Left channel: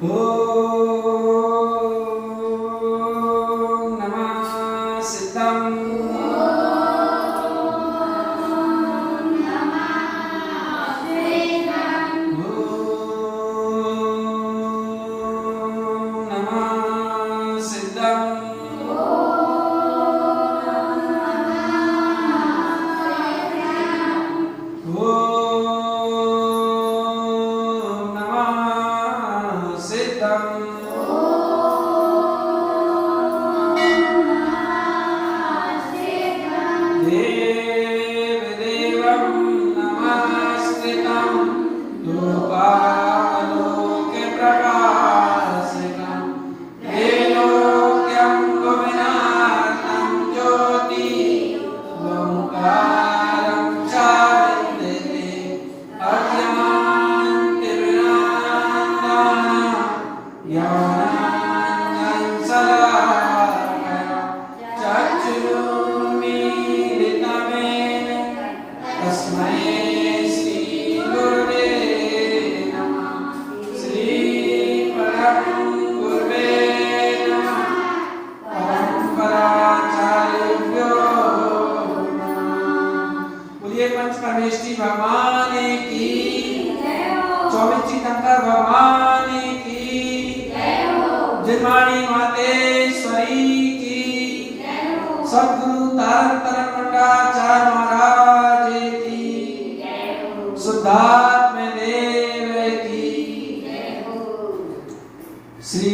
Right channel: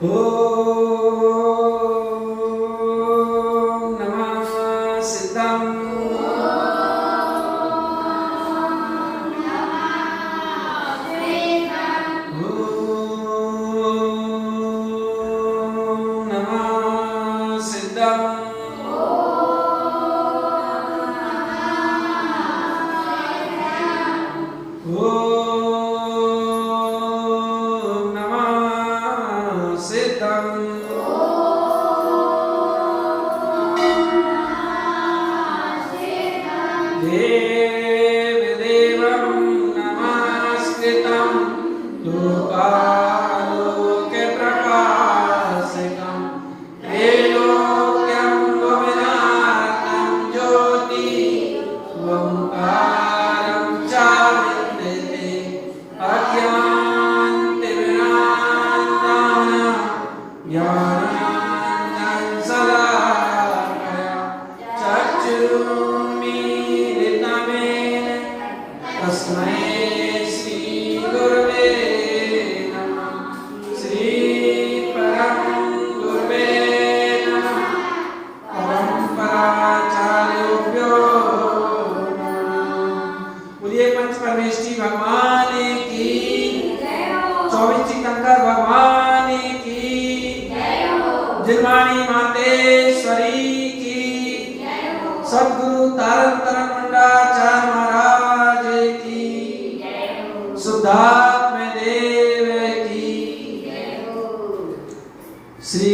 श्री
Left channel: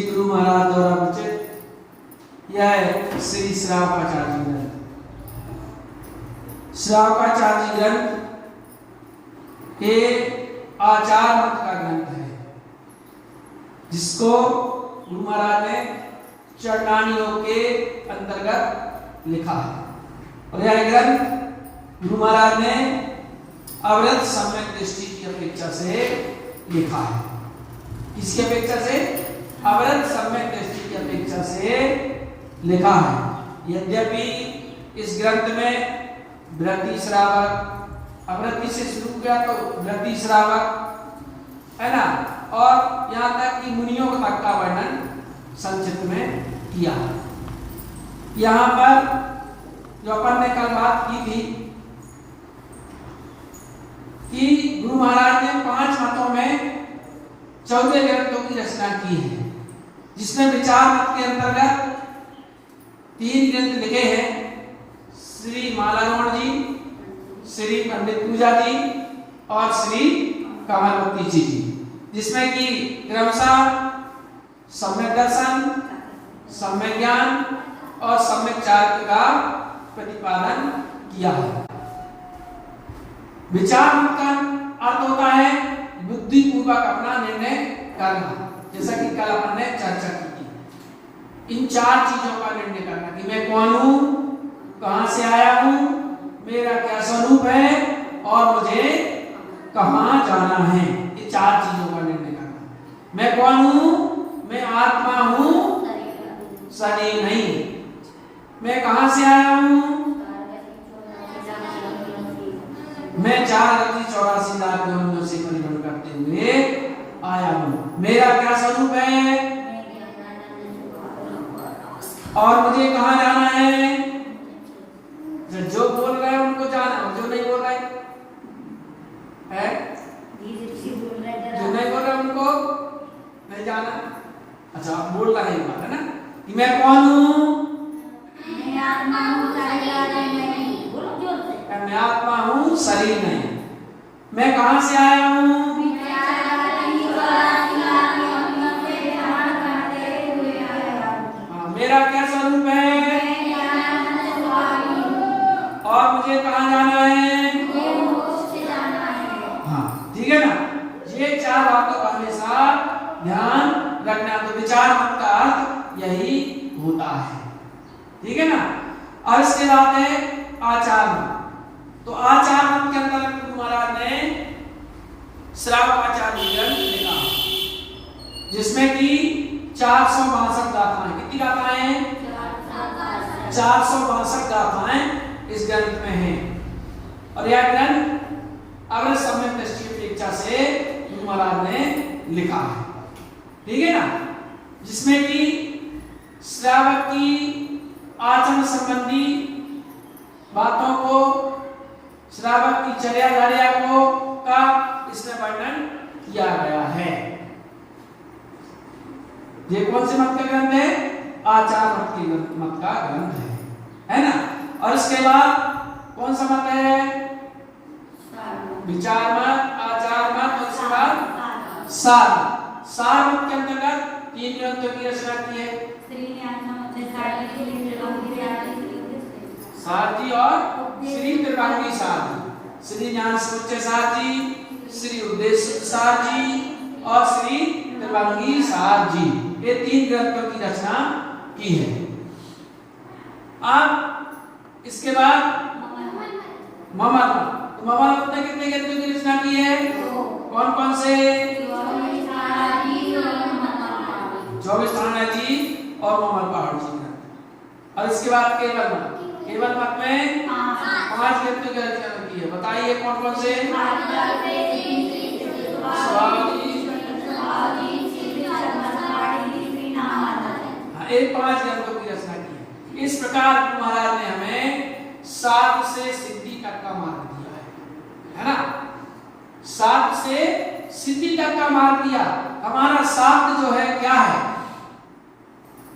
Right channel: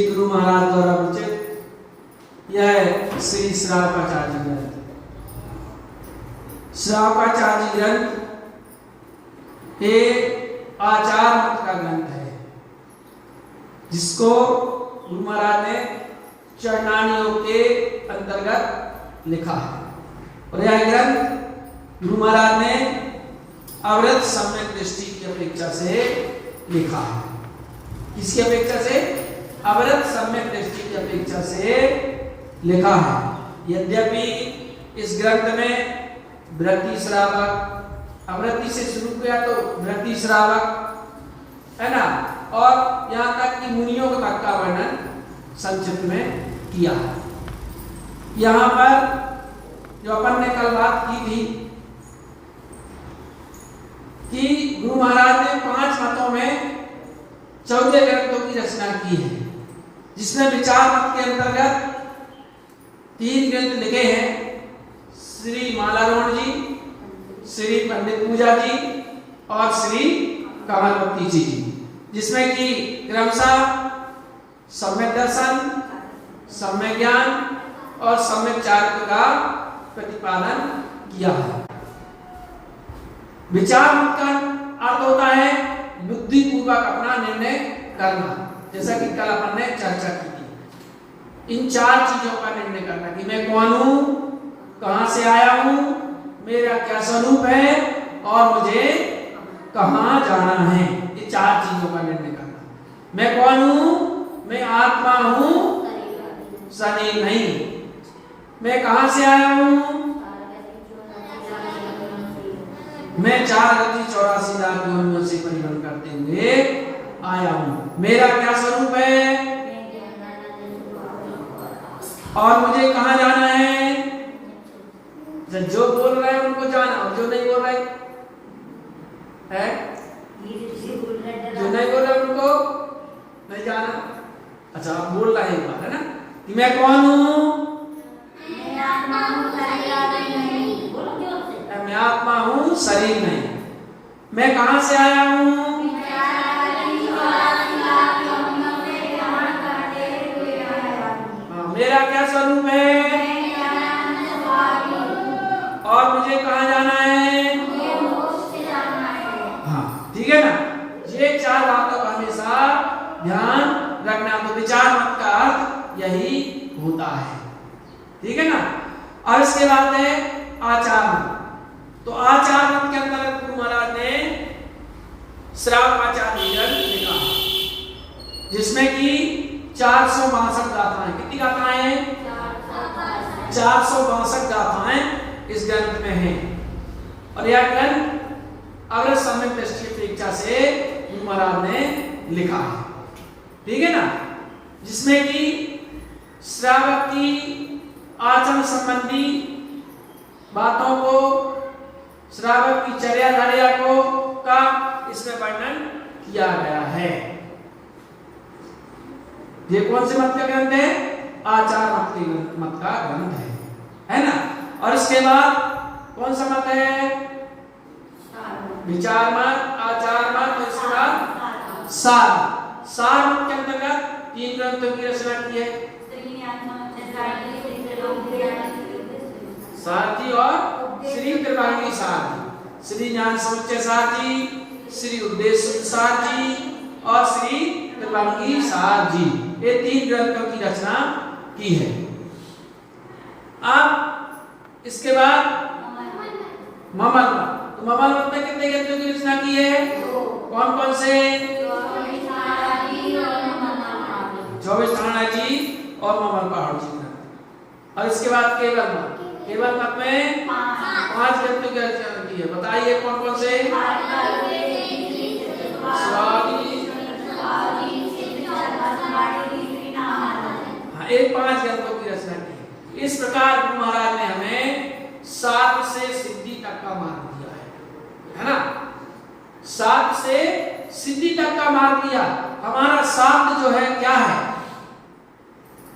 गुरु महाराज द्वारा विरचित यह श्री श्रावकाचार्य ग्रंथ। श्रावकाचार्य ग्रंथ ये आचार मत का ग्रंथ है, जिसको गुरु महाराज ने चरणानियों के अंतर्गत लिखा है। और यह ग्रंथ गुरु महाराज ने अवरत सम्यक दृष्टि की अपेक्षा से लिखा है। किसकी अपेक्षा से? अवरत सम्यक दृष्टि की अपेक्षा से लिखा है। यद्यपि इस ग्रंथ में वृत्ति श्रावक, अवृत्ति से शुरू किया तो वृत्ति श्रावक है ना, और यहाँ तक कि मुनियों तक का वर्णन संक्षिप्त में किया है। यहाँ पर जो अपन ने कल बात की थी कि गुरु महाराज ने 5 मतों में 14 ग्रंथों की रचना की है, जिसमें विचार मत के अंतर्गत 3 ग्रंथ लिखे हैं, श्री मालारोण जी, श्री पंडित पूजा जी और श्री कमलवती जी, जिसमें कि क्रमशः सम्यक दर्शन, सम्यक ज्ञान और सम्यक चार्य का प्रतिपादन किया है। विचार मत का अर्थ होता है बुद्धि पूर्वक अपना निर्णय करना, जैसा कि कल अपन ने चर्चा की थी। इन 4 चीजों का निर्णय करना कि मैं कौन हूं, कहां से आया हूं, मेरा क्या स्वरूप है और मुझे कहां जाना है। ये 4 चीजों का निर्णय करना। मैं कौन हूं? मैं आत्मा हूं, शरीर नहीं। मैं कहां से आया हूं? मैं 4,84 लाख योनियों से परिभ्रमण करते हुए आया हूं। मेरा क्या स्वरूप है और मुझे कहां जाना है? जो बोल रहे हैं उनको जाना, और जो नहीं बोल रहे है, जो नहीं बोल रहे उनको नहीं जाना। अच्छा, आप बोल रहे हैं एक बार, है ना, कि मैं कौन हूं? मैं आत्मा हूं, शरीर नहीं। मैं कहां से आया हूं? मेरा क्या स्वरूप है और मुझे कहां जाना है? हाँ, ठीक है ना। ये 4 बातों का हमेशा ध्यान रखना। तो विचार मत का अर्थ यही होता है, ठीक है ना। और इसके बाद है आचार मत। तो आचार मत के अंदर गुरु महाराज ने श्रावकाचार्य ग्रंथ लिखा, जिसमें कि 462 गाथाएं। कितनी गाथाएं हैं? 462 गाथाएं इस ग्रंथ में हैं। और यह ग्रंथ अगर सम्यक दृष्टि की अपेक्षा से गुरु महाराज ने लिखा है। ठीक है ना, जिसमें कि श्रावक की आचरण संबंधी बातों को, श्रावक की चर्याधार्या को का इसमें वर्णन किया गया है। ये कौन से मत का ग्रंथ है? आचार मत का ग्रंथ है ना। और इसके बाद कौन सा मत है? विचार मत, आचार मत, और इसके बाद सार मत के अंतर्गत 3 ग्रंथों की रचना की है, सार जी और श्री त्रिभांगी सार जी, श्री ज्ञान समुच्चय सार जी, श्री उपदेश सार जी और श्री त्रिभांगी सार जी, ये 3 ग्रंथों की रचना की है। अब इसके बाद ममल मत में कितने ग्रंथों की रचना की है? कौन कौन से? 24 थाना जी और ममल पहाड़ जी। और इसके बाद केवल मत में 5 ग्रंथों की रचना की है। बताइए कौन कौन से? हाँ, एक 5 ग्रंथों की रचना की है। इस प्रकार गुरु महाराज ने हमें साध से सिद्धि तक का मार्ग दिया है ना। साध से सिद्धि तक का मार्ग दिया। हमारा साध जो है क्या है?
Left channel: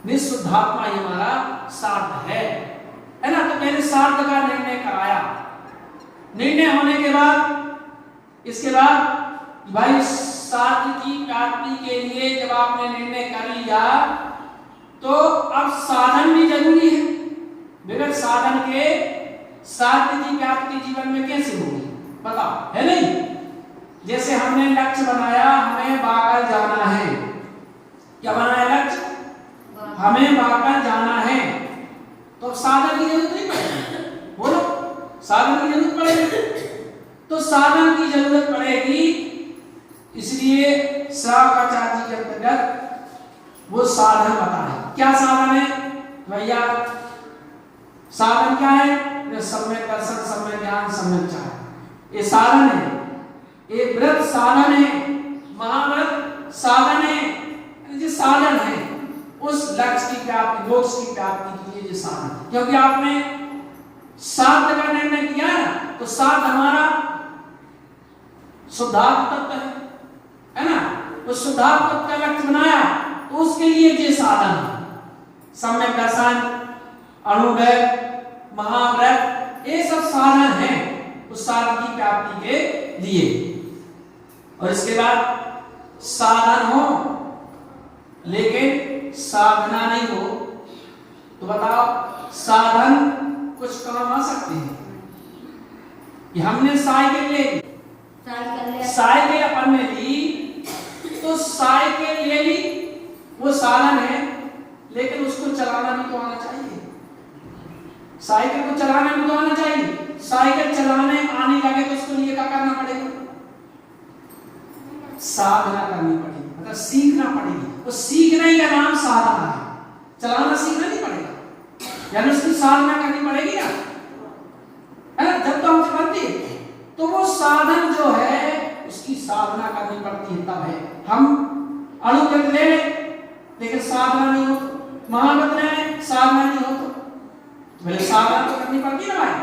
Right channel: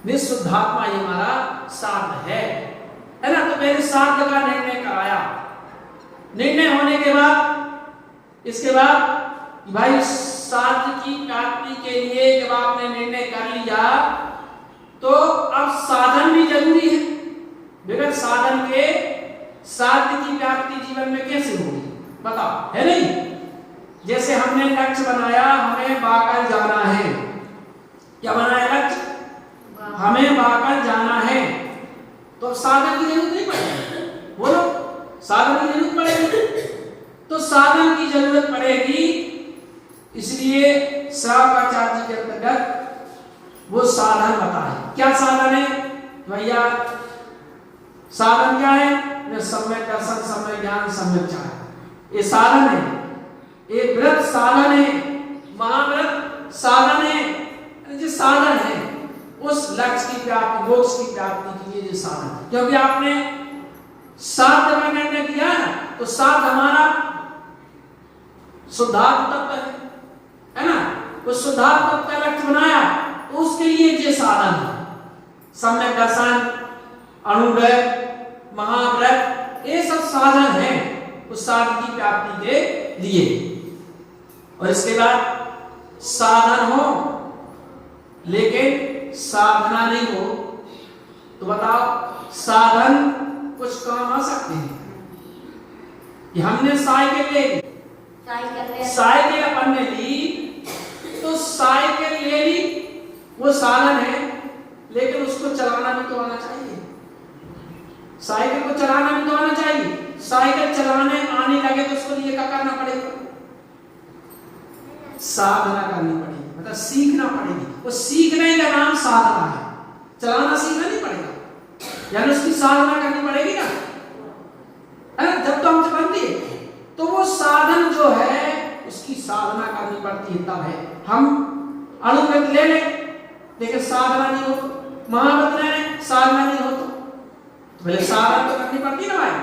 निःशुद्धात्मा ये हमारा साध है ना। तो मैंने साध का निर्णय कराया। निर्णय होने के बाद इसके बाद भाई साध की प्राप्ति के लिए जब आपने निर्णय कर लिया तो अब साधन भी जरूरी है। बगैर साधन के साध्य की प्राप्ति जीवन में कैसे होगी? बताओ, है नहीं? जैसे हमने लक्ष्य बनाया, हमें बाकल जाना है। क्या बनाया लक्ष्य? हमें बाकल जाना है। तो साधन की जरूरत नहीं पड़ेगी। बोलो, साधन की जरूरत पड़ेगी। तो साधन की जरूरत पड़ेगी, इसलिए श्रावकाचार्य के अंतर्गत वो साधन बताए। क्या साधन है भैया? साधन क्या है? सम्यक दर्शन, सम्यक ज्ञान, सम्यक चार, ये साधन है। ये व्रत साधन है, महाव्रत साधन है। जो साधन है उस लक्ष्य की प्राप्ति, मोक्ष की प्राप्ति के लिए ये साधन। क्योंकि आपने साध का निर्णय किया है तो साध हमारा शुद्धात्म तत्व है ना। उस शुद्धात्म तत्व का लक्ष्य बनाया तो उसके लिए ये साधन है। सम्यक दर्शन, अणुव्रत, महाव्रत, ये सब साधन है उस साधन की प्राप्ति के लिए। और इसके बाद साधन हो लेकिन साधना नहीं हो तो बताओ साधन कुछ काम आ सकते हैं? कि हमने साइकिल ले ली, साइकिल अपन ने ली तो साइकिल ले ली, वो साधन है, लेकिन उसको चलाना भी तो आना चाहिए। साइकिल को चलाना भी तो आना चाहिए। साइकिल चलाने आने लगे तो उसके लिए क्या करना पड़ेगा? साधना करनी पड़ेगी, मतलब सीखना पड़ेगी। वो सीखने का नाम साधना है। चलाना सीखना नहीं पड़ेगा, यानी उसकी साधना करनी पड़ेगी ना, है ना। जब तो हम चलाते तो वो साधन जो है उसकी साधना करनी पड़ती है, तब है। हम अनुव्रत ले लें लेकिन साधना नहीं हो, महाव्रत ले लें साधना नहीं हो, तो पहले साधना तो करनी पड़ती है ना भाई।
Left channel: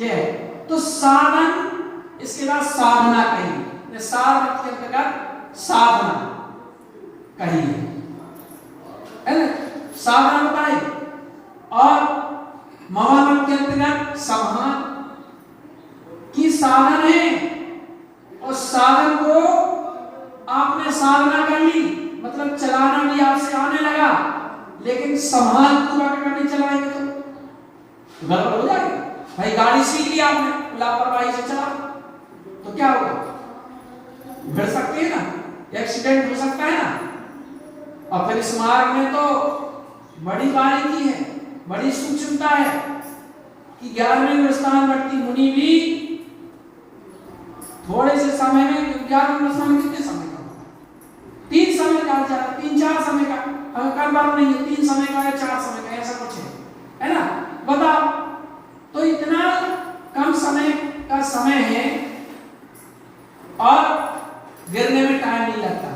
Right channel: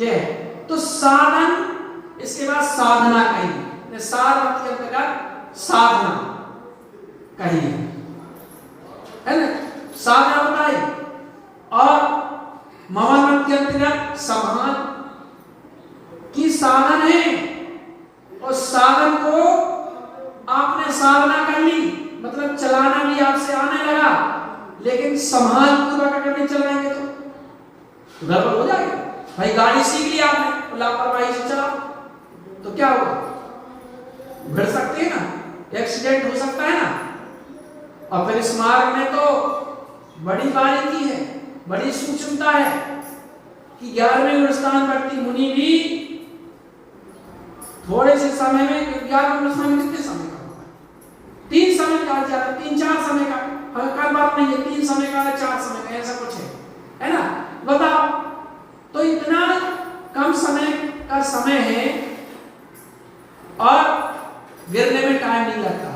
ये है तो साधन। इसके बाद साधना कही, सार मत के अंतर्गत साधना कही है ना, साधना बताई। और मत के अंतर्गत समाध की साधन है। और साधन को आपने साधना कर ली, मतलब चलाना भी आपसे आने लगा, लेकिन संभाल पूर्वक करके चलाएंगे तो गड़बड़ हो जाएगा। भाई गाड़ी सीख ली आपने, लापरवाही से चला तो क्या होगा? भिड़ सकते हैं ना, एक्सीडेंट हो सकता है ना। और फिर इस मार्ग में तो बड़ी बारीकी है, बड़ी सूक्ष्मता है कि 11वें स्थान वर्ती मुनि भी थोड़े से समय में, 11वें स्थान में कितने समय का होगा? 3 समय का, ज्यादा 3-4 समय का, कोई बात नहीं है, 3 समय का है, 4 समय का, ऐसा कुछ है ना। बताओ, तो इतना कम समय का समय है और गिरने में टाइम नहीं लगता।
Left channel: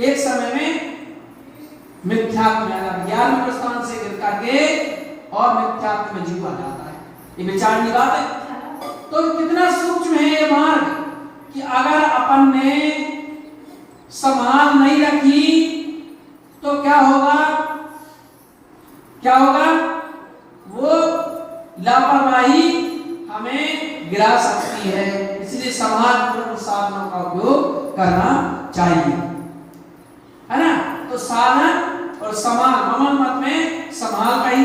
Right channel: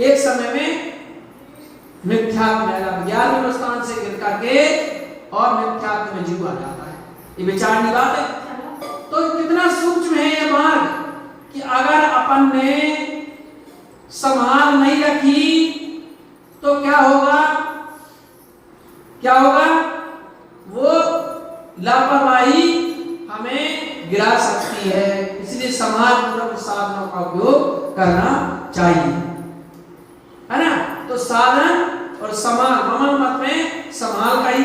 एक समय में मिथ्यात्व में ज्ञान प्रस्थान से गिर करके और मिथ्यात्व में जीवा जाता है। ये विचारनी बात है। तो कितना सूक्ष्म है ये मार्ग कि अगर अपन ने संभाल नहीं रखी तो क्या होगा, क्या होगा? वो लापरवाही हमें गिरा सकती है। इसलिए समाज पूर्वक साधनों का उपयोग करना चाहिए, है ना। तो साधन और समाल, ममल मत में समाल कही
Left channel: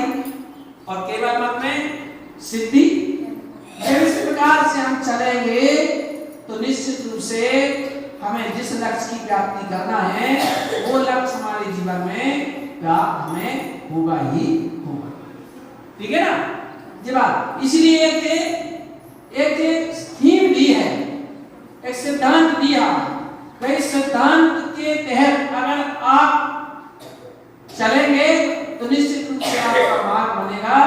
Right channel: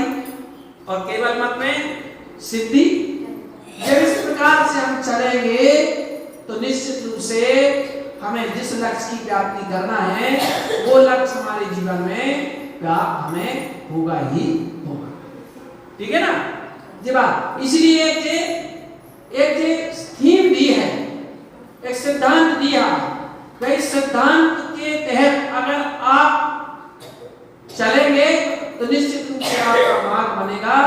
और केवल मत में सिद्धि। जब इस प्रकार से हम चलेंगे तो निश्चित रूप से हमें जिस लक्ष्य की प्राप्ति करना है वो लक्ष्य हमारे जीवन में प्राप्त हमें होगा ही होगा। ठीक है ना जी बात। इसलिए एक थीम दी है, एक सिद्धांत दिया। कई सिद्धांत के तहत अगर आप चलेंगे तो निश्चित रूप से आपका मार्ग बनेगा,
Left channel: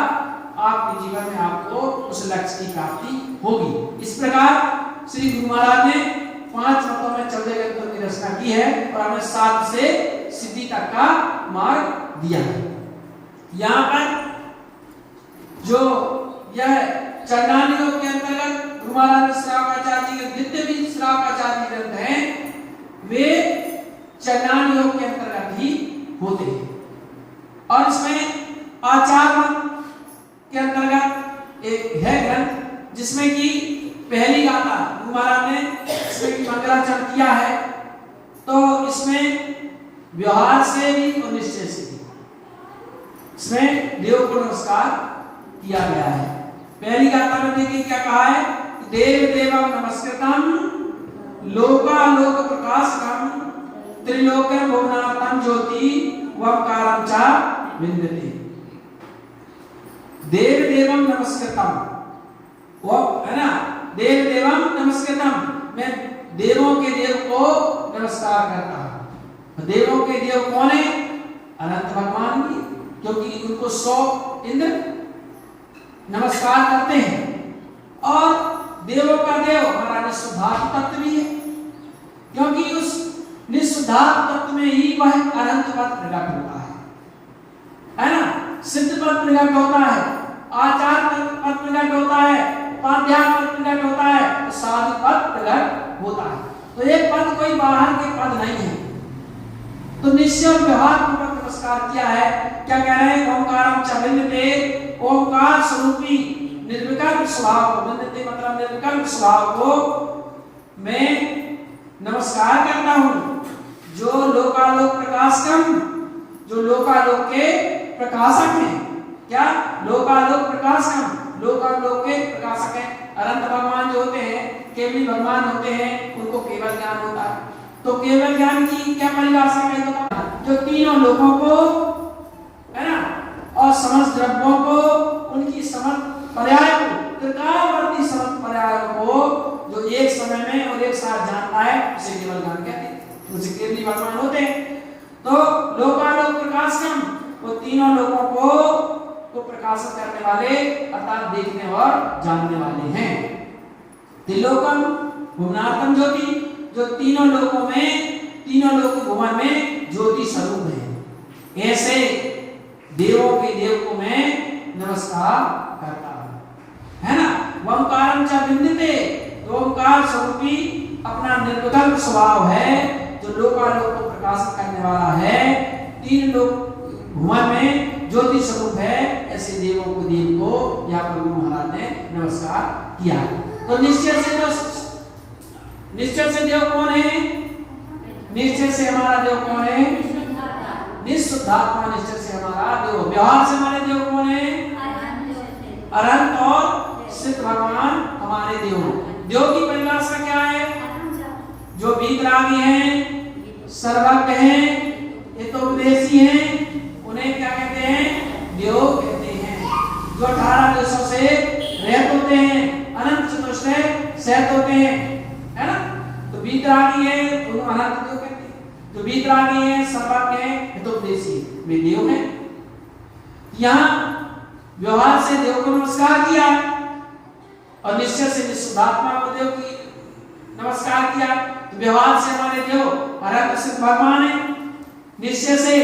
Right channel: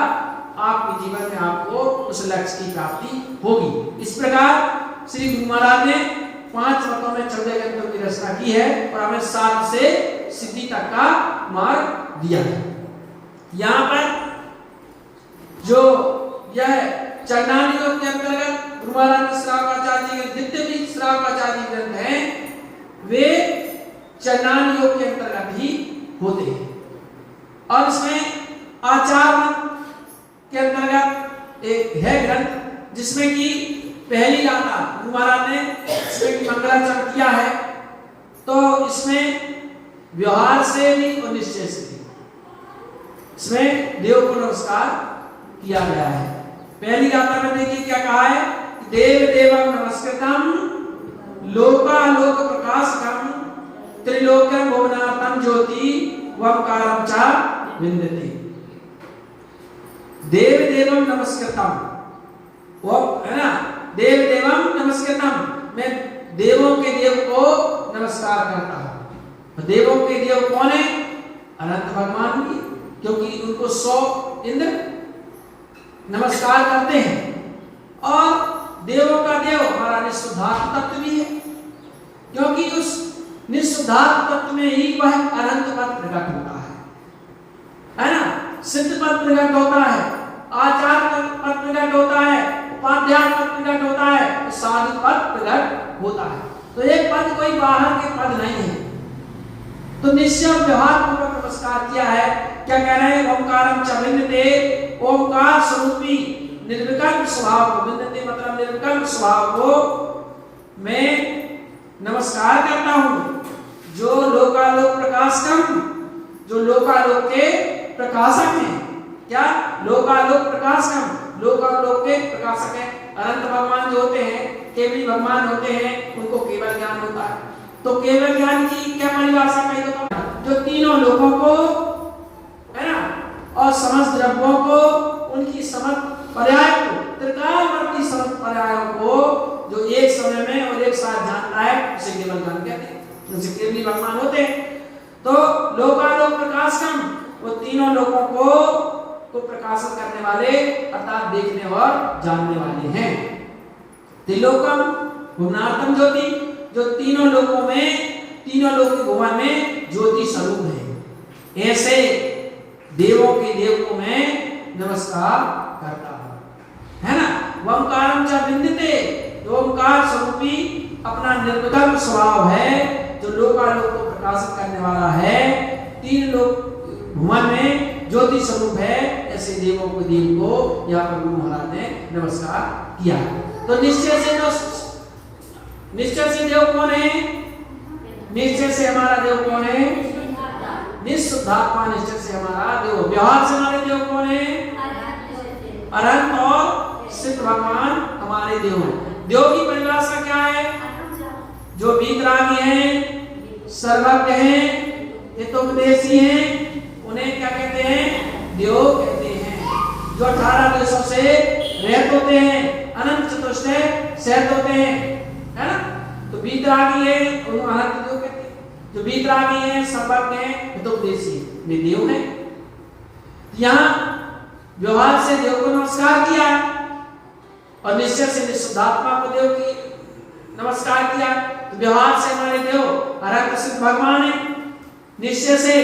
आपके जीवन में आपको उस लक्ष्य की प्राप्ति होगी। इस प्रकार श्री गुरु महाराज ने 5 मतों में 14 ग्रंथों की रचना की है और हमें 7 से सिद्धि तक का मार्ग दिया है। यहाँ पर जो यह चरणानियों के अंतर्गत गुरु महाराज ने श्रावकाचार्य के जितने भी श्रावकाचार्य ग्रंथ हैं वे चरणानियों के अंतर्गत ही होते हैं। और इसमें आचार मत के अंतर्गत एक है ग्रंथ जिसमें कि पहली गाथा गुरु महाराज ने इसमें मंगलाचरण किया है। तो इसमें व्यवहार से भी और निश्चय से भी इसमें देव को नमस्कार किया गया है। पहली गाथा में देखिए क्या कहा है, देव देवम नमस्कृतम लोकालोक प्रकाशकम त्रिलोक्यम भुवनार्थम ज्योति वमकारम च विन्दति। देव देवम नमस्कृतम, वो है ना, देव देवम नमस्कृतम, मैं देवों के देव को नमस्कार करता हूं। देवों के देव कौन है? अनंत भगवान भी, क्योंकि उनको 100 इंद्र नमस्कार करते हैं। और देवों का देव हमारा निःशुद्धात्म तत्व भी है, क्योंकि उस निःशुद्धात्म तत्व में ही वह अनंत पद प्रकट होता है ना। सिद्ध पद प्रकट होता है, आचार पद प्रकट होता है, उपाध्याय पद प्रकट होता है, साधु पद प्रकट होता है। तो एक पद कोई बाहर के पद नहीं है। तो निश्चय व्यवहार पूर्वक नमस्कार किया है। क्या कह रहे हैं? ओंकारम च विन्दते, ओंकार स्वरूपी निर्विकल्प स्वभाव को, विन्दते मतलब निर्विकल्प स्वभाव को मैं नमस्कार करता हूं। जो लोकालोक प्रकाशकम, जो लोकालोक के प्रकाशक हैं। क्या? लोकालोक प्रकाशकम, लोकालोक के प्रकाशक हैं। अनंत भगवान जो होते हैं, केवल भगवान होते हैं, उनको केवल ज्ञान होता है। तो केवल ज्ञान की क्या परिभाषा है? जो तीनों लोगों को, है ना, और समस्त द्रव्यों को, उनकी समस्त पर्याय को, त्रिकालवर्ती समस्त पर्यायों को जो एक समय में और एक साथ जानता है, उसे केवल ज्ञान कहते हैं। उनसे केवली भगवान होते हैं। तो लोकालोक प्रकाशकम, वो तीनों लोगों को प्रकाशित करने वाले अर्थात देखने और जानने वाले हैं। त्रिलोकम भुवनार्थम ज्योति, जो तीनों लोकों में, तीनों लोक भुवन में ज्योति स्वरूप है। ऐसे देवों के देव को मैं नमस्कार करता हूं, है ना। ओंकारम च विन्दते, ओंकार स्वरूपी अपना निर्विकल्प स्वभाव है, जो लोकालोक को प्रकाशित करने वाला है। 3 लोक भुवन में ज्योति स्वरूप है। ऐसे देवों को, देव को यहाँ पर गुरु महाराज ने नमस्कार किया। तो निश्चय से, तो निश्चय से देव कौन है? निश्चय से हमारा देव कौन है? निःशुद्धात्मा निश्चय से हमारा देव। व्यवहार से हमारे देव कौन है? अनंत और सिद्ध भगवान हमारे देव। देव की परिभाषा क्या है? जो वीतरागी हैं, सर्वज्ञ हैं, हितोपदेशी हैं, उन्हें क्या कहते हैं? देव कहते हैं। जो 18 देशों से रहते होते हैं, अनंत चतुष्टय सहत होते हैं, है ना। तो वीतरागी है, उन्हें अनंत देव कहते हैं। जो वीतरागी है, सर्वज्ञ है, हितोपदेशी, वे देव हैं। यहाँ व्यवहार से देव को नमस्कार किया और निश्चय से निःशुद्धात्मा को देव की नमस्कार किया, तो व्यवहार से हमारे देव हर प्रसिद्ध भगवान है, निश्चय से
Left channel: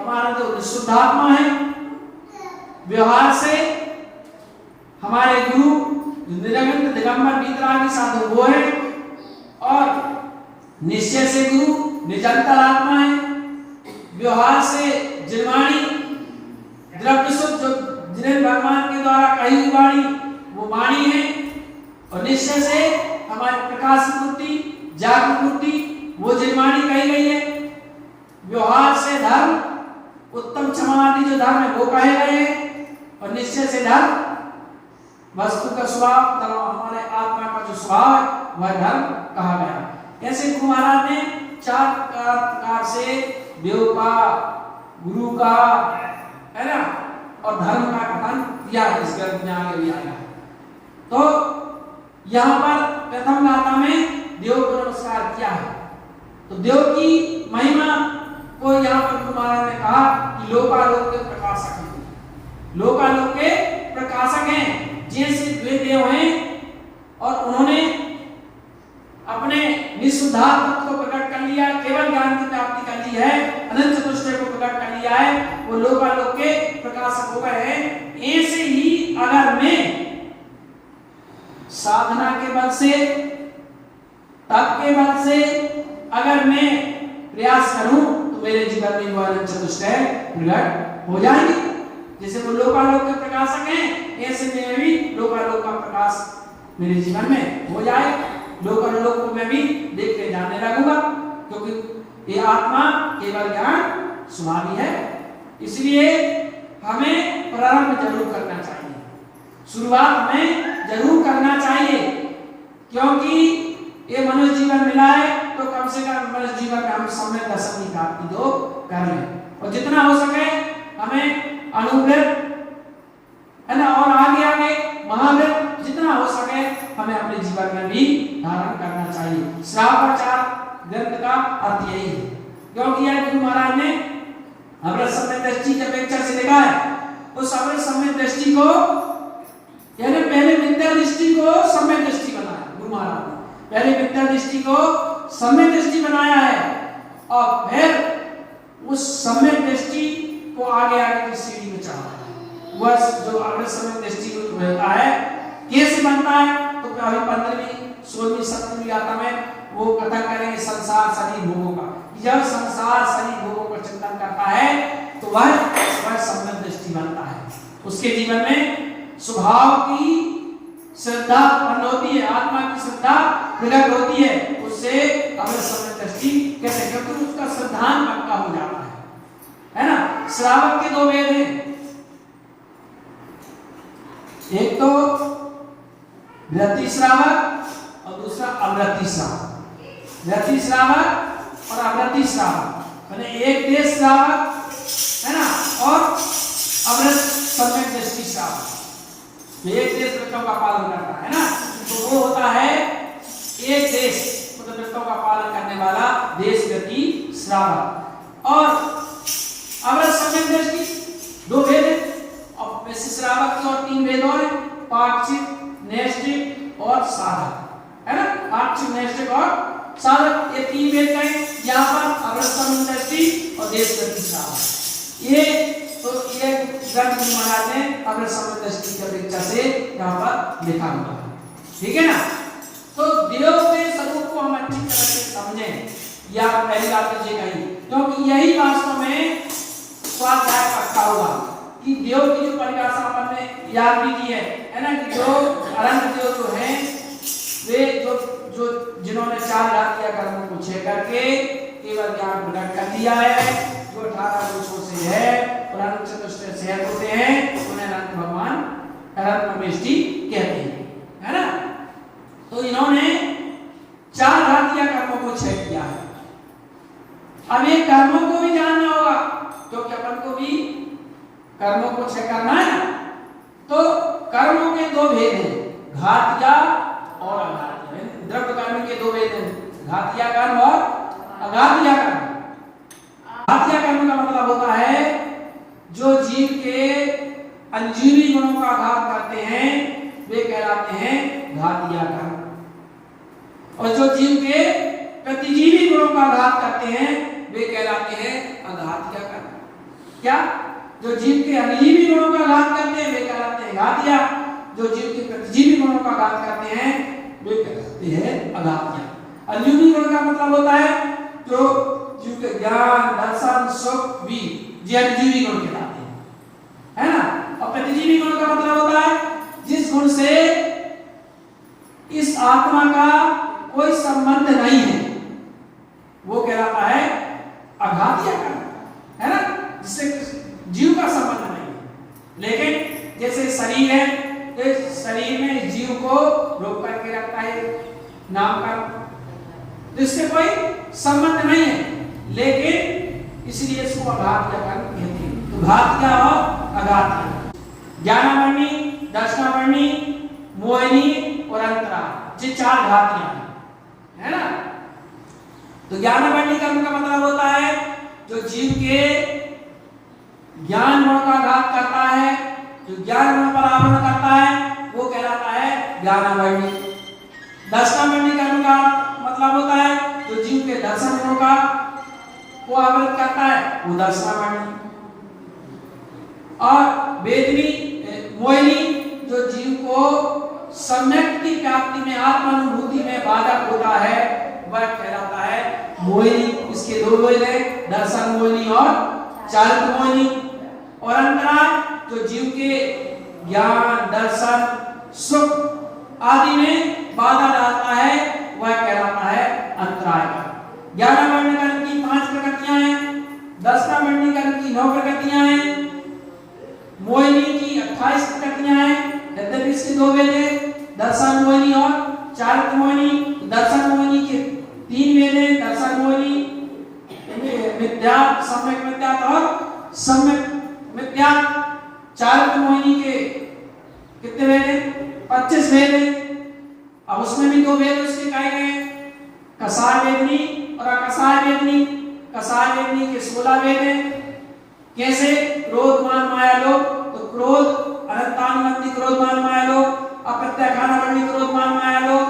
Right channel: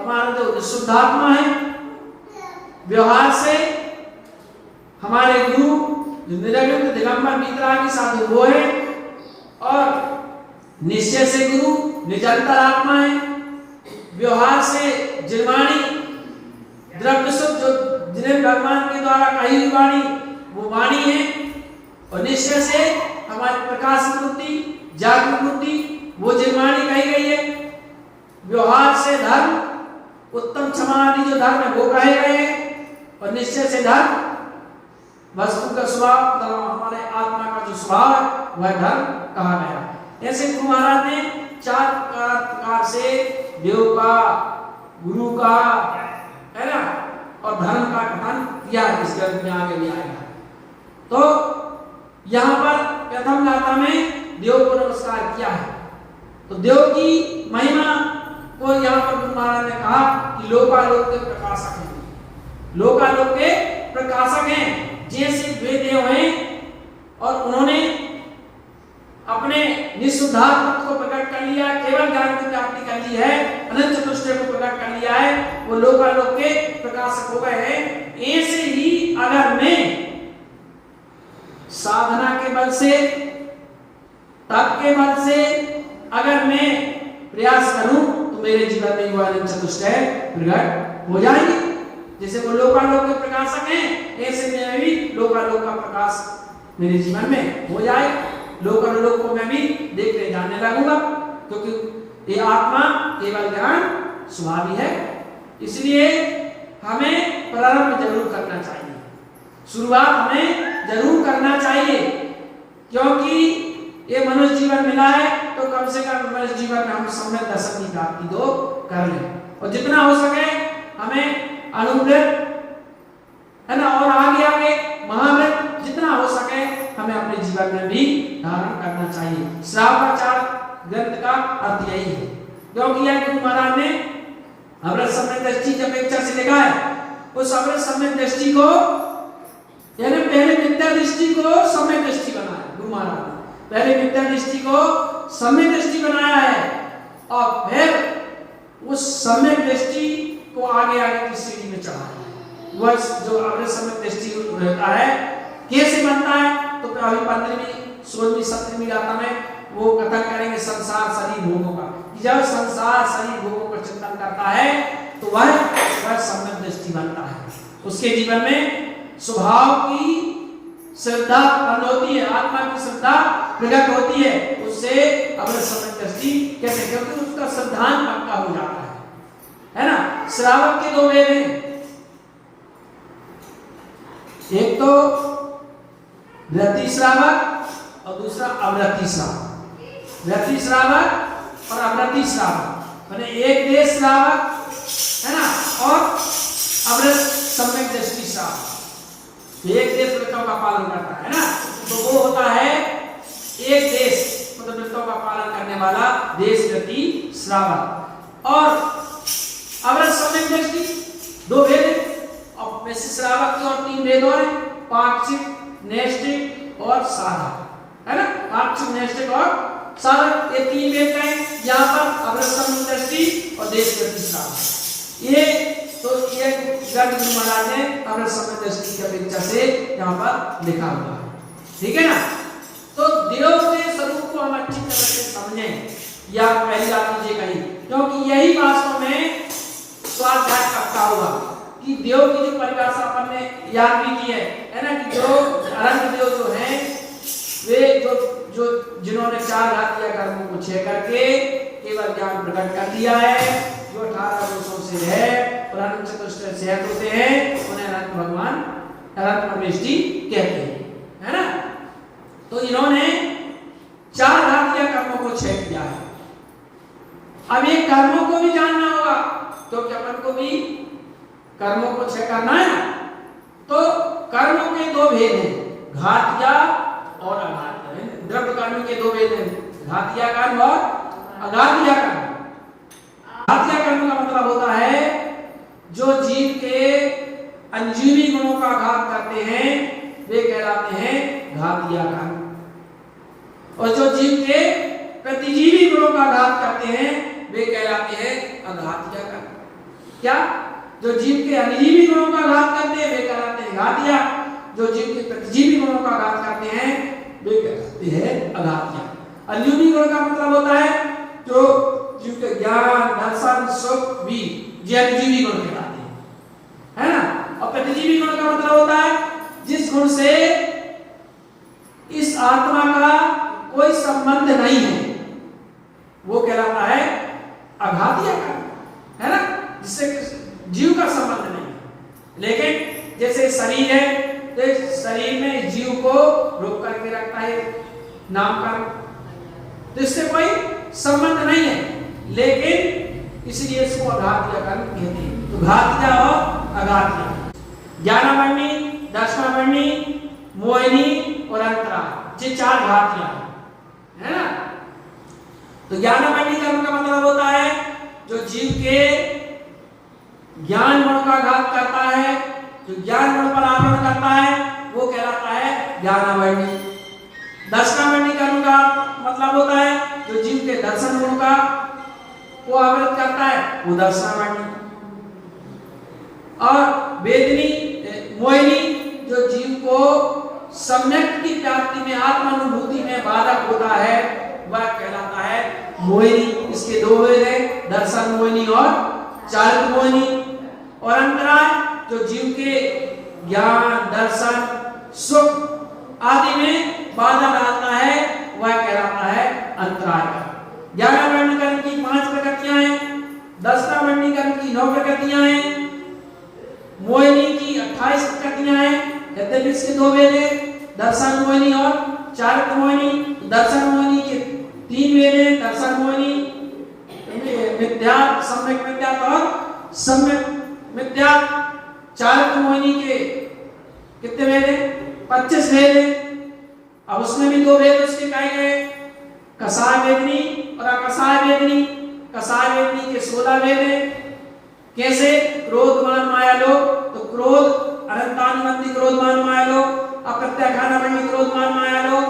हमारा देव शुद्धात्मा है, व्यवहार से हमारे गुरु जो निरंतर दिगंबर वीतरागी साधु वो है, और निश्चय से गुरु निरंतर आत्मा है, व्यवहार से जिनवाणी द्रव्य शुद्ध जो जिन्हें भगवान के द्वारा कही हुई वाणी वो वाणी है, और निश्चय से हमारी प्रकाश बुद्धि जागृत बुद्धि वो जिनवाणी कही गई है, व्यवहार से धर्म उत्तम क्षमा आदि जो धर्म है वो कहे गए हैं, और निश्चय से धर्म वस्तु का स्वभाव हमारे आत्मा का जो स्वभाव है वह धर्म कहा गया। ऐसे गुरु महाराज ने 4 प्रकार से देव का, गुरु का, है ना, और धर्म का कथन किया इस ग्रंथ में आगे भी आएगा। तो यहाँ पर प्रथम गाथा में देव को नमस्कार किया है, तो देव की महिमा को यहाँ पर गुरु महाराज ने कहा कि लोकालोक के प्रकाशक हैं, लोकालोक के प्रकाशक हैं, जैसे वे देव हैं और उन्होंने अपने निःशुद्धात्म को प्रकट कर लिया, केवल ज्ञान की प्राप्ति कर ली है, अनंत चतुष्टय को प्रकट कर लिया है, वो लोकालोक के प्रकाशक हो गए हैं। ऐसे ही अगर मैं साधना के बल से, तप के बल से अगर मैं प्रयास करूं तो मेरे जीवन में वो अनंत चतुष्टय प्रकट हो जाएगी। जैसे वो लोकालोक के प्रकाशक हैं, ऐसे में भी लोकालोक का प्रकाश मेरे जीवन में हो जाएगा, लोकालोक को मैं भी देखते जाने लगूंगा, क्योंकि ये आत्मा केवल ज्ञान स्वभावी है। इसलिए हमें प्रारंभ जरूर करना चाहिए, शुरुआत हमें जरूर करना चाहिए, क्योंकि ये मनुष्य जीवन मिला है तो कम से कम मनुष्य जीवन में हम सम्यक दर्शन की प्राप्ति तो कर लें, और जितना हो सके हमें अनुव्रत, है ना, और आगे आगे महाव्रत जितना हो सके हमें अपने जीवन में भी धारण करना चाहिए। श्रावकाचार ग्रंथ का अर्थ यही है, क्योंकि यह गुरु महाराज ने अमृत सम्यक दृष्टि की अपेक्षा से लिखा है। उस अमृत सम्यक दृष्टि को, यानी पहले विद्या दृष्टि को सम्यक दृष्टि बनाया गुरु महाराज ने, पहले विद्या दृष्टि को सम्यक दृष्टि बनाया है, और फिर उस सम्यक दृष्टि को आगे आगे की सीढ़ी में चढ़ाया है। वह जो अमृत सम्यक दृष्टि रहता है कैसे बनता है, तो अभी 15वीं 16वीं 17वीं गाथा में वो कथन करेंगे संसार शरीर भोगों का। जब संसार शरीर भोगों का चिंतन करता है तो वह सम्यक दृष्टि बनता है, उसके जीवन में स्वभाव की श्रद्धा उत्पन्न होती है, आत्मा की श्रद्धा प्रकट होती है, उससे अमृत सम्यक दृष्टि कहते हैं, क्योंकि उसका श्रद्धान पक्का हो जाता है ना। श्रावक के 2 वेद हैं, एक तो व्रति श्रावक और दूसरा अव्रति श्रावक। व्रति श्रावक और अव्रति श्रावक, माने एक देश श्रावक, है ना, और अव्रत सम्यक दृष्टि श्रावक। तो एक देश व्रतों का पालन करता है ना, तो वो होता है एक देश, मतलब व्रतों का पालन करने वाला देश व्रति श्रावक। और अव्रत सम्यक दृष्टि 2 भेद है, और वैसे श्रावक की और 3 भेद और हैं, पाक्षिक, नैष्ठिक और साधक, है ना। पाक्षिक, नैष्ठिक और साधक, ये 3 भेद हैं यहाँ पर अव्रत सम्यक दृष्टि और देश व्रति श्रावक। ये तो ये ग्रंथ गुरु महाराज ने अमृत सम्यक दृष्टि की अपेक्षा से यहाँ पर लिखा हुआ है, ठीक है ना। तो देव के स्वरूप को हम अच्छी तरह से समझें, या पहली बात मुझे कही, क्योंकि यही वास्तव में स्वाध्याय पक्का होगा कि देव की जो परिभाषा अपन ने याद भी की है ना, कि जो अनंत देव जो हैं वे जो जिन्होंने 4 घातीय कर्मों को छह करके केवल ज्ञान प्रकट कर दिया है, जो 18 वर्षों से है और अनंत चतुष्टय से होते हैं, उन्हें अनंत भगवान, अनंत परमेष्टि कहते हैं, है ना। तो इन्होंने 4 घातीय कर्मों को छह किया है। अब ये कर्मों को भी जानना होगा, क्योंकि अपन को भी कर्मों को छह करना है ना। तो कर्मों के 2 भेद हैं, घातीय और अघातीय। द्रव्य कर्म के 2 भेद हैं, घातीय कर्म और अघातीय कर्म। घातीय कर्म का मतलब होता है जो जीव के अंजीवी गुणों का घात करते हैं, वे कहलाते हैं घातीय कर्म। और जो जीव के प्रतिजीवी गुणों का आघात करते हैं वे कहलाते हैं अघातिया कर्म। क्या? जो जीव के अनिजीवी गुणों का आघात करते हैं वे कहलाते हैं घातिया, जो जीव के प्रतिजीवी गुणों का आघात करते हैं वे कहलाते हैं अघातिया। अनिजीवी गुण का मतलब होता है जो जीव के ज्ञान, दर्शन, सुख, वीर, ये अनिजीवी गुण कहलाते हैं, है ना। और प्रतिजीवी गुण का मतलब होता है जिस गुण से इस आत्मा का कोई संबंध नहीं है वो कहलाता है अघातिया कर्म, है ना, जिससे जीव का संबंध नहीं है। लेकिन जैसे शरीर है तो शरीर में जीव को रोक करके रखता है नामकरण, तो इससे कोई संबंध नहीं है, लेकिन इसलिए इसको अघातिया कर्म कहते हैं। तो घातिया और अघातिया, ज्ञानावर्णी, दर्शनावर्णी, मोहिनी और अंतराय, ये चार घातियां है ना। तो ज्ञानावर्णी कर्म का मतलब होता है जो जीव के ज्ञान गुण का घात करता है, जो ज्ञान गुण पर आवरण करता है वो कहलाता है ज्ञानावर्णी। दर्शनावर्णी कर्म का मतलब होता है जो जीव के दर्शन गुण का को आवृत करता है वो दर्शनावर्णी। और वेदनी मोहिनी जो जीव को सम्यक की प्राप्ति में, आत्मानुभूति में बाधक होता है वह कहलाता है मोहिनी। इसके दो भेद हैं, दर्शन मोहिनी और चारित्र मोहिनी। और अंतराय जो जीव के ज्ञान, दर्शन, सुख आदि में बाधा डालता है वह कहलाता है अंतराय। ज्ञानावर्णी कर्म की 5 प्रकृतियां हैं, दर्शनावर्णी कर्म की 9 प्रकृतियां हैं, मोहिनी की 28 प्रकृतियां हैं, यद्यपि इसके दो भेद हैं, दर्शन मोहिनी और चारित्र मोहिनी। दर्शन मोहिनी के 3 भेद हैं, दर्शन मोहिनी मिथ्या, सम्यक मिथ्या और सम्यक मिथ्या। चारित्र मोहिनी के कितने भेद हैं? 25 भेद हैं। अब उसमें भी 2 भेद उसके कहे गए, कसाय वेदनी और अकसाय वेदनी। कसाय वेदनी के 16 भेद हैं। कैसे? क्रोध, मान, माया, लोभ। तो क्रोध अनंतानुबंधी क्रोध, मान, माया, लोभ। अप्रत्याख्यानावर्णी क्रोध, मान, माया, लोभ,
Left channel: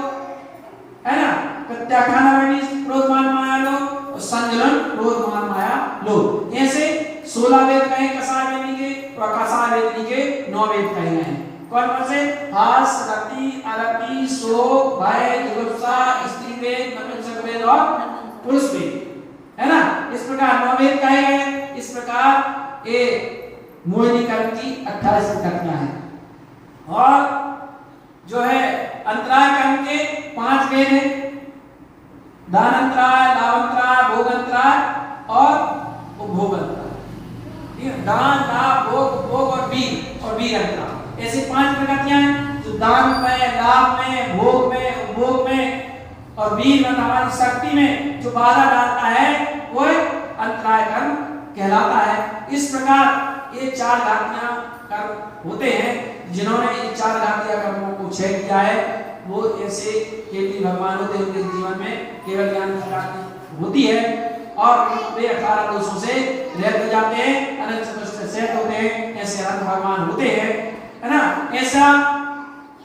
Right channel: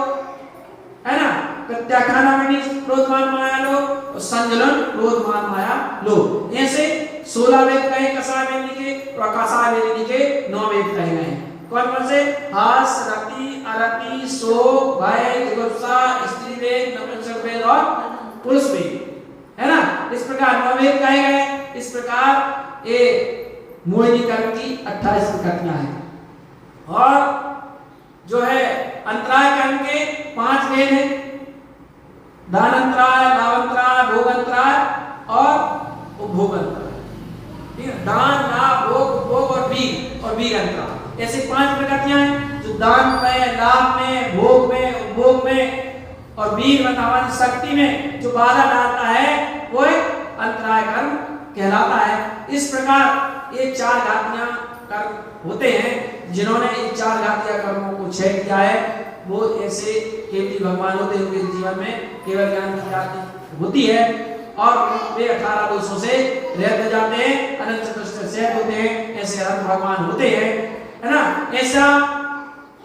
है ना। प्रत्याख्यानावर्णी क्रोध, मान, माया, लोभ और संजलन क्रोध, मान, माया, लोभ। ऐसे 16 वेद कहे कसाय वेदनी के और अकसाय वेदनी के 9 वेद कहे गए हैं। कौन कौन से? हास, रति, अरति, शोक, भय, जुगुप्सा, स्त्री वेद, नपुंसक वेद और पुरुष वेद, है ना। इस प्रकार 9 वेद कहे गए। इस प्रकार ये मोहिनी कर्म की 28 प्रकृतियां हैं। और जो है अंतराय कर्म के 5 भेद हैं, दान अंतराय, लाभंतराय, भोग अंतराय और उपभोग अंतराय। ठीक है, दान, लाभ, भोग, उपभोग और वीर अंतराय, ऐसे 5 प्रकृतियां हैं जो दान में, लाभ में, भोग में, उपभोग में और वीर मतलब हमारी शक्ति में जो बाधा डालता है वो अंतराय कर्म कहलाता है। इस प्रकार ये 4 घातियां कर्म होते हैं। जिन्होंने ये 4 घातिया कर्मों को क्षय किया है वो ऐसे केवली भगवान होते हैं, उनके जीवन में केवल ज्ञान की प्राप्ति होती है और वे 18 दोषों से रहित हो जाते हैं, अनंत चतुष्टय से होते हैं। ऐसे अनंत भगवान होते हैं, है ना। ऐसा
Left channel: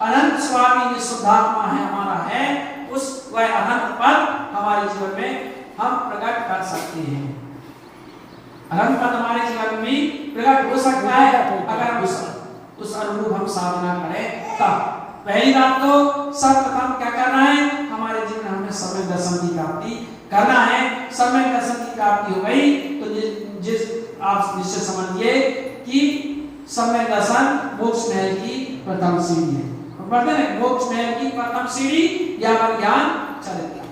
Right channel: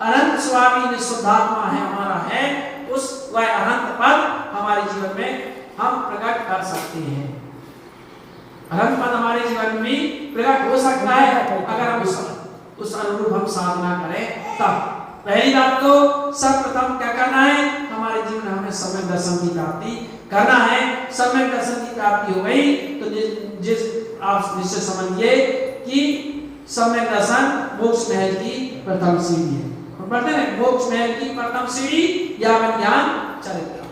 अनंत स्वामी निशुद्धात्मा है हमारा है, उस वह अनंत पद हमारे जीवन में हम प्रकट कर सकते हैं। अनंत पद हमारे जीवन में प्रकट हो सकता है अगर हम उस अनुरूप हम साधना करें तब। पहली बात तो सर्वप्रथम क्या करना है, हमारे जीवन में हमें सम्यक दर्शन की प्राप्ति करना है। सम्यक दर्शन की प्राप्ति हो गई तो जिस आप निश्चय समझिए कि सम्यक दर्शन मोक्ष महल की प्रथम सीढ़ी है। हम पढ़ते हैं मोक्ष महल की प्रथम सीढ़ी या ज्ञान चरित्र।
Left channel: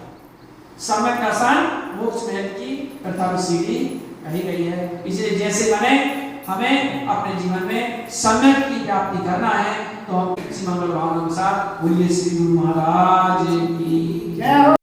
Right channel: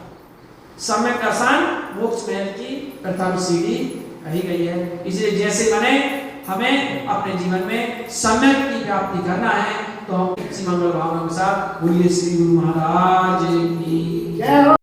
सम्यक दर्शन मोक्ष महल की प्रथम सीढ़ी कही गई है। इसलिए जैसे बने हमें अपने जीवन में सम्यक की प्राप्ति करना है तो हम इसी मंगल भावना के साथ बोलिए श्री गुरु महाराज की जय।